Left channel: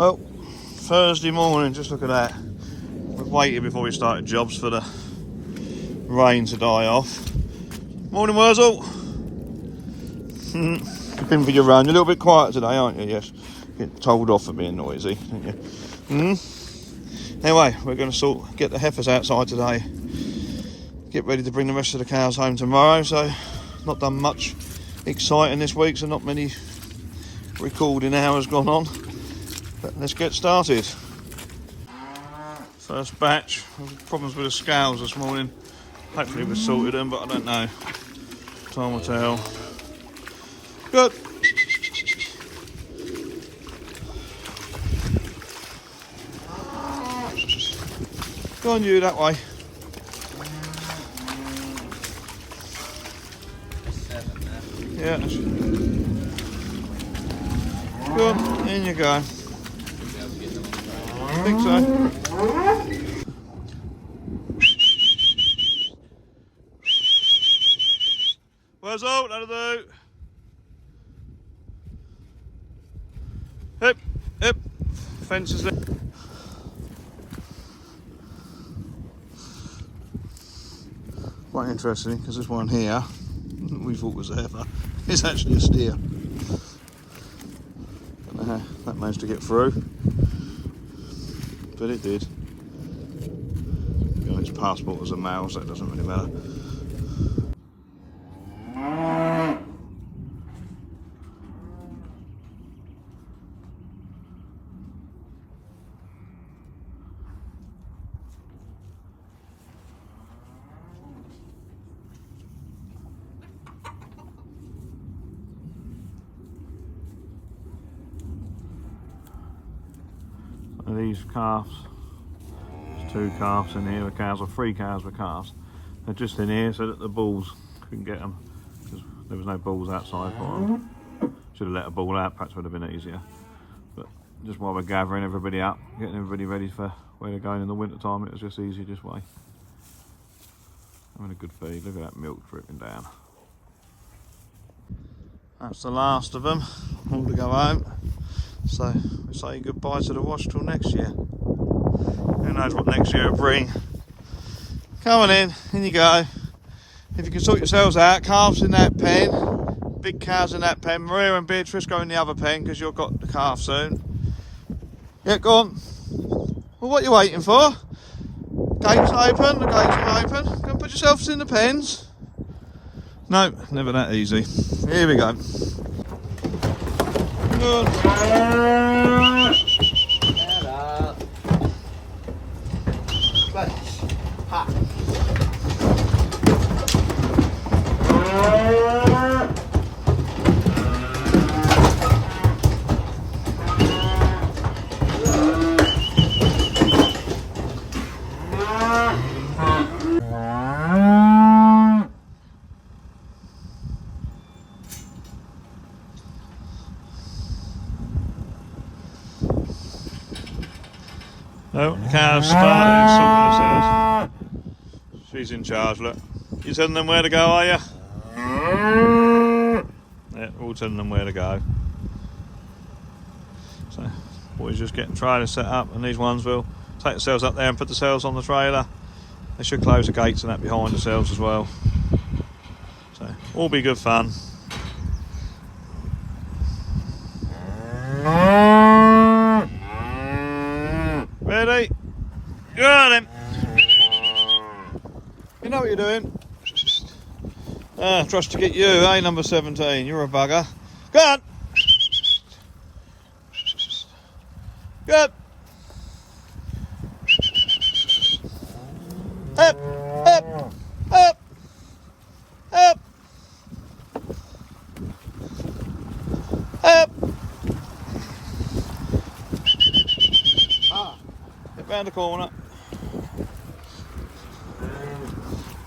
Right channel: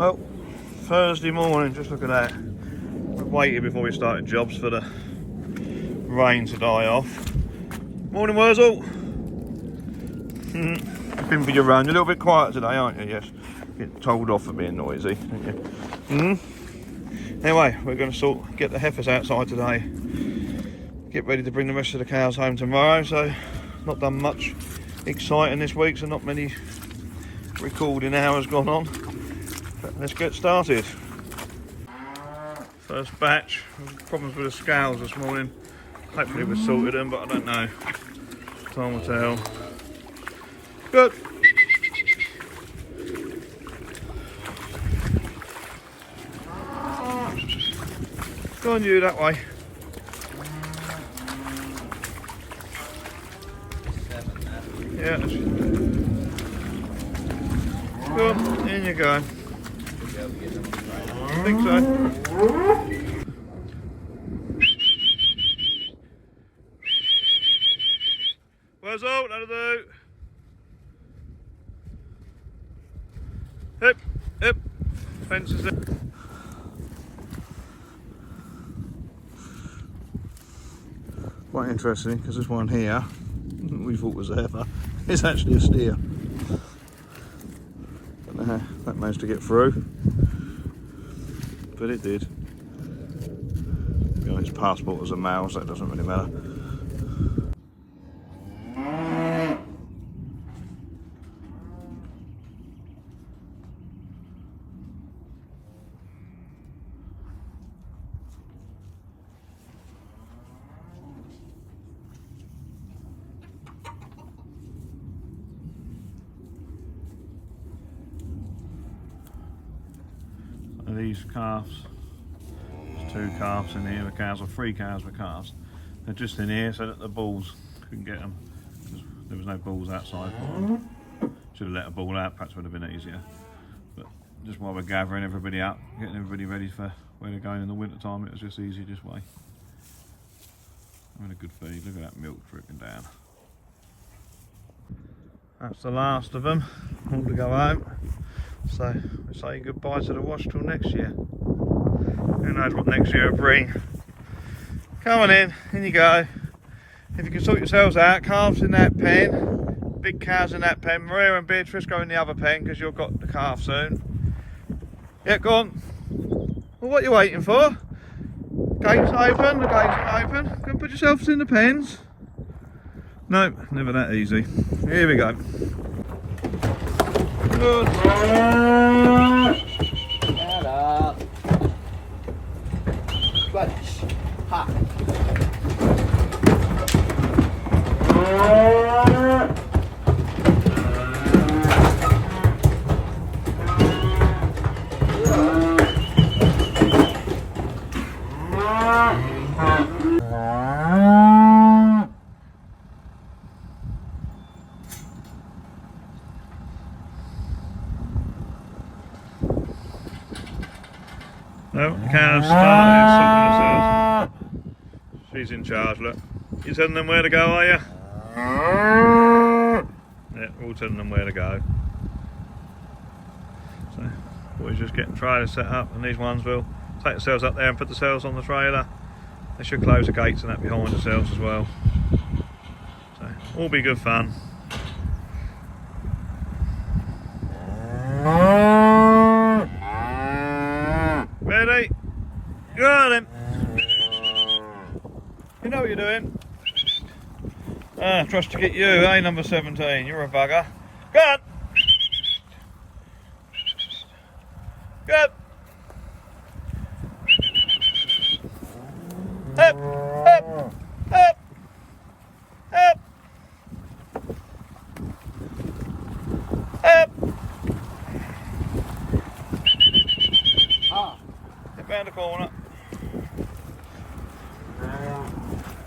Well, Thursday morning, just look at that. We've waited before we started jobs for the rain to die off. Morning, Wurzel. Been for your run. You're a little bit quiet today, aren't you? Yes. Get told off for being noisy, aren't you? Anyway, we're going to get the heifers outside today. Get ready to bring the rest of the cows home tomorrow. So, not done much exciting this week, so not many recording hours gone on. But let's get started. First batch. Problems with the scales this morning. Hopefully we sorted them, but I don't know. Time will tell. Good. Go on, you that way. Yeah. Go on, in you go. I think so. Where's out? That'll do. Hip, hip. Fences there. Quite interesting because this one here, we thought was a heifer, is actually a steer. Don't know how that managed to get through, but it did. You know, its passport was a male, so it doesn't really matter. These calves, there's 2 calves in here with cows, or 3 cows with calves. They're just in here so that the bulls couldn't get them. There was no bulls outside for them. Should have let a bull out, perhaps would have been easier. But just while we're gathering everybody up, getting everybody ready for where they're going in the winter time, it was just easier this way. Having a good feed. Look at that milk dripping down. That's the last of them, all to go home. So we say goodbye to the wash till next year. Who knows what next year will bring. Come on in you go. If you can sort yourselves out, calves in that pen, big cows in that pen, Maria and Beatrice go in the other pen because you've got the calf soon. Yeah, go on. Well, what are you waiting for? Gates open, the gates are open. Go and put yourselves in the pens. No, never that easy. Here we go. Good. Hello. Ha. No, the cow's started sorting themselves. She's in charge, look. You telling them where to go, are you? Yeah, we're all telling them where to go. So, boys just getting trailers set up, and these ones will take themselves up there and put themselves on the trailer. They should close the gates and that behind themselves as well. So, all be good fun. Ready? Got him. You know what you're doing. Trust to get you, eh, number 17. You're a bugger. Go on. Good. Up, up, up, up, up. Get round the corner.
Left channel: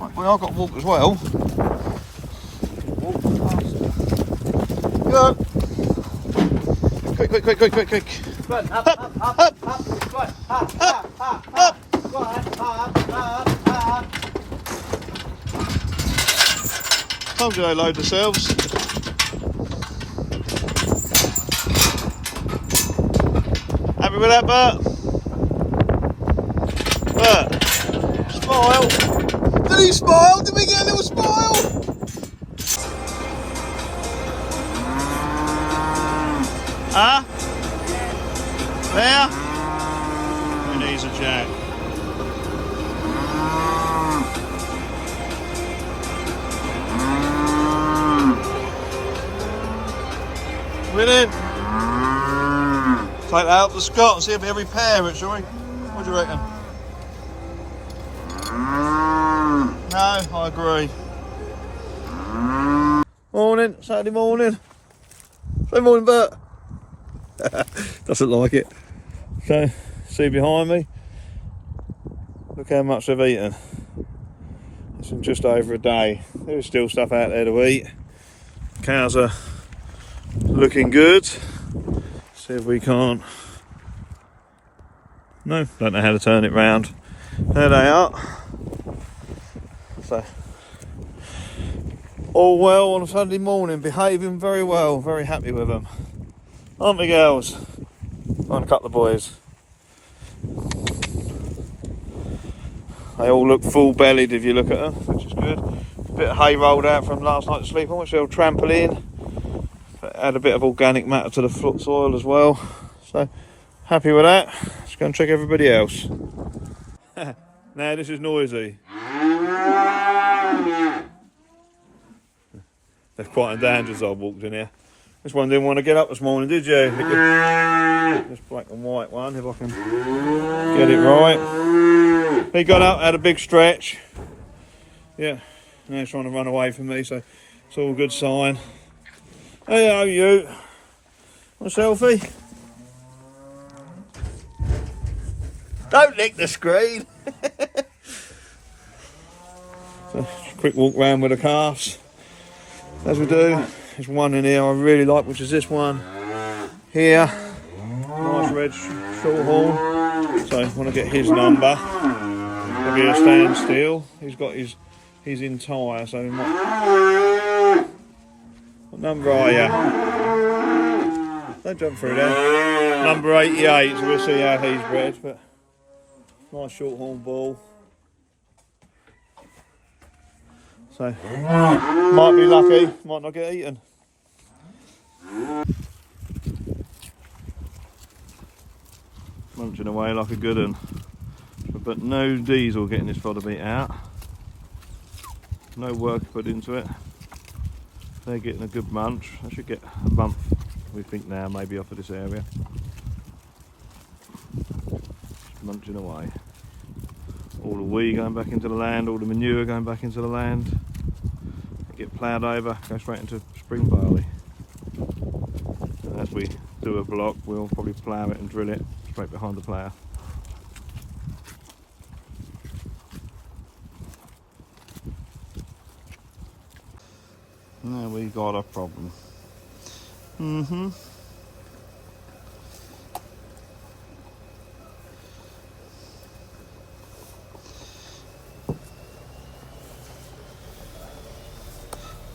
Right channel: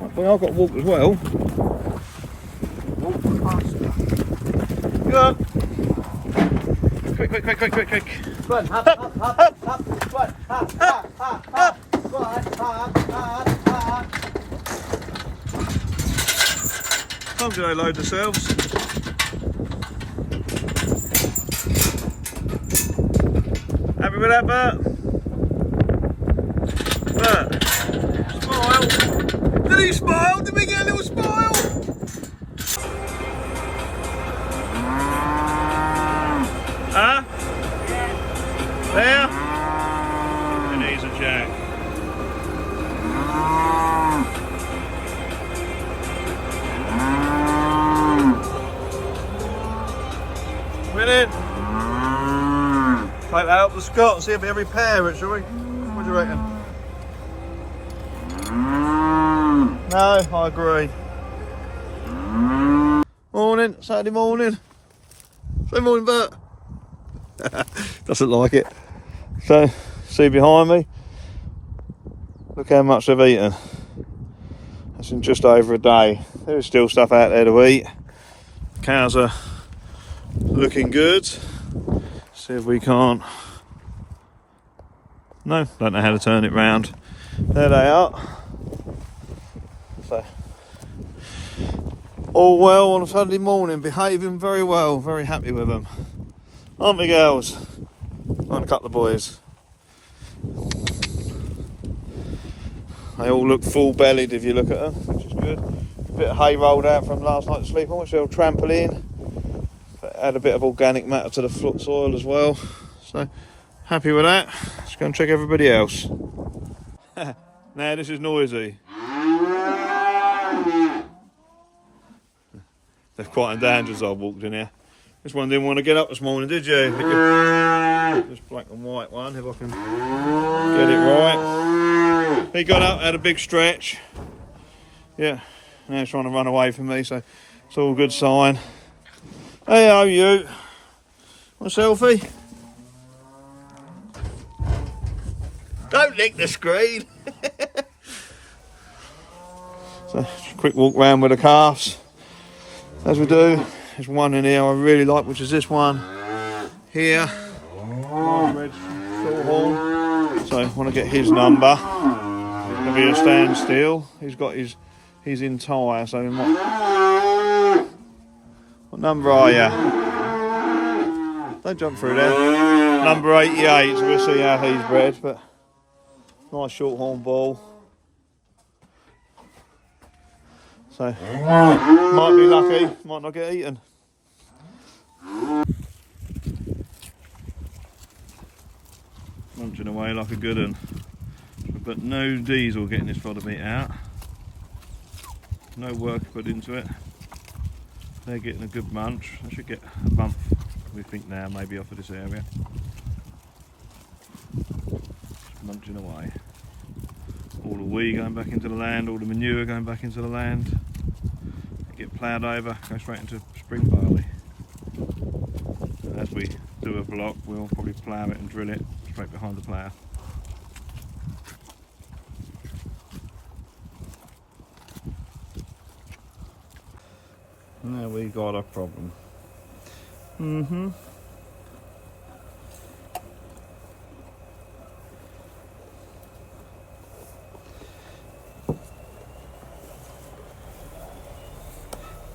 Right, well, I've got to walk as well. Good. Quick. Run, up. Run, up. Told you they load themselves. with that, Bert? Bert? Smile. Did he smile? Did we get a little smile? Huh? There? And he's a jack. Minute. Take that out to Scott and see if he every pair it, shall we? What do you reckon? No, I agree. Morning, Saturday morning. Say morning, Bert. Doesn't like it. So, see behind me? Look how much they've eaten. That's in just over a day. There's still stuff out there to eat. Cows are looking good. See if we can't. No, don't know how to turn it round. There they are. So, all well on a Sunday morning, behaving very well, very happy with them. Aren't we, girls? And a couple of boys. They all look full bellied if you look at them, which is good. A bit of hay rolled out from last night's sleep on, which they'll trample in. Add a bit of organic matter to the foot soil as well. So, happy with that. Let's go and check everybody else. Now this is noisy. They've quietened down as I walked in here. This one didn't want to get up this morning, did you? This black and white one, if I can get it right. He got up, had a big stretch. Yeah, now he's trying to run away from me, so it's all a good sign. Hey, how are you? Want a selfie? Don't lick the screen. So, just a quick walk round with the calves, as we do. There's one in here I really like, which is this one here. Nice red shorthorn. So I want to get his number. He'll be a standstill. He's in tire, so we might. What number are you? Don't jump through there. Number 88, so we'll see how he's bred, but nice shorthorn ball. So, might be lucky, might not get eaten. Munching away like a good one. But no diesel getting this fodder beet out. No work put into it. They're getting a good munch. I should get a bump, we think now, maybe off of this area. Just munching away. All the wheat going back into the land, all the manure going back into the land. Get ploughed over, go straight into spring barley. As we do a block, we'll probably plough it and drill it straight behind the plough. Now we got a problem.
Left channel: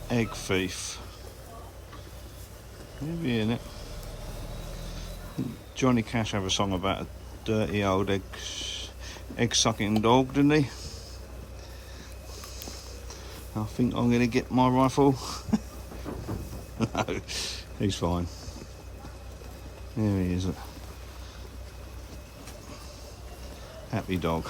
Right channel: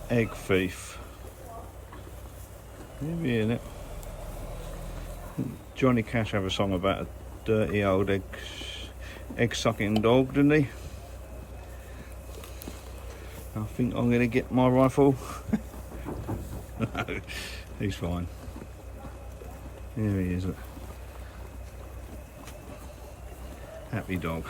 Egg thief. Maybe in it. Johnny Cash have a song about a dirty old egg sucking dog, didn't he? I think I'm going to get my rifle. No, he's fine. There he is. Happy dog.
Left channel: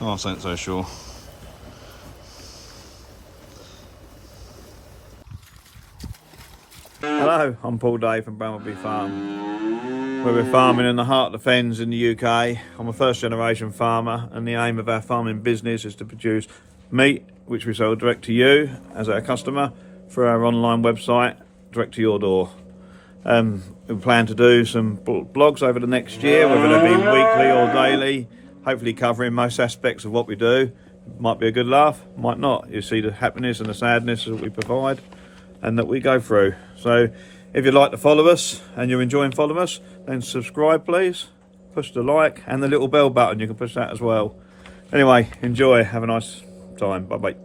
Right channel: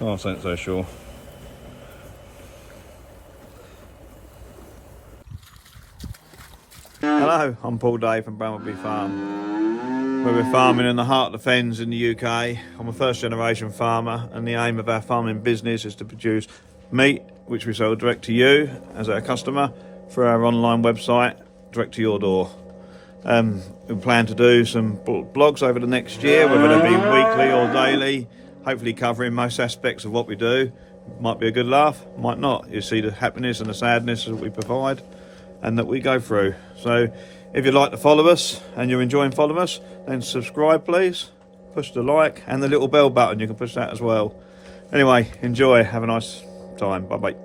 Oh, I ain't so sure. Hello, I'm Paul Day from Brambleby Farm, where we're farming in the heart of the fens in the UK. I'm a first generation farmer, and the aim of our farming business is to produce meat which we sell direct to you as our customer through our online website, direct to your door. We plan to do some blogs over the next year, whether they be weekly or daily, hopefully covering most aspects of what we do. Might be a good laugh, might not. You see the happiness and the sadness that we provide and that we go through. So if you'd like to follow us and you're enjoying following us, then subscribe please, push the like and the little bell button, you can push that as well. Anyway, enjoy, have a nice time, bye bye.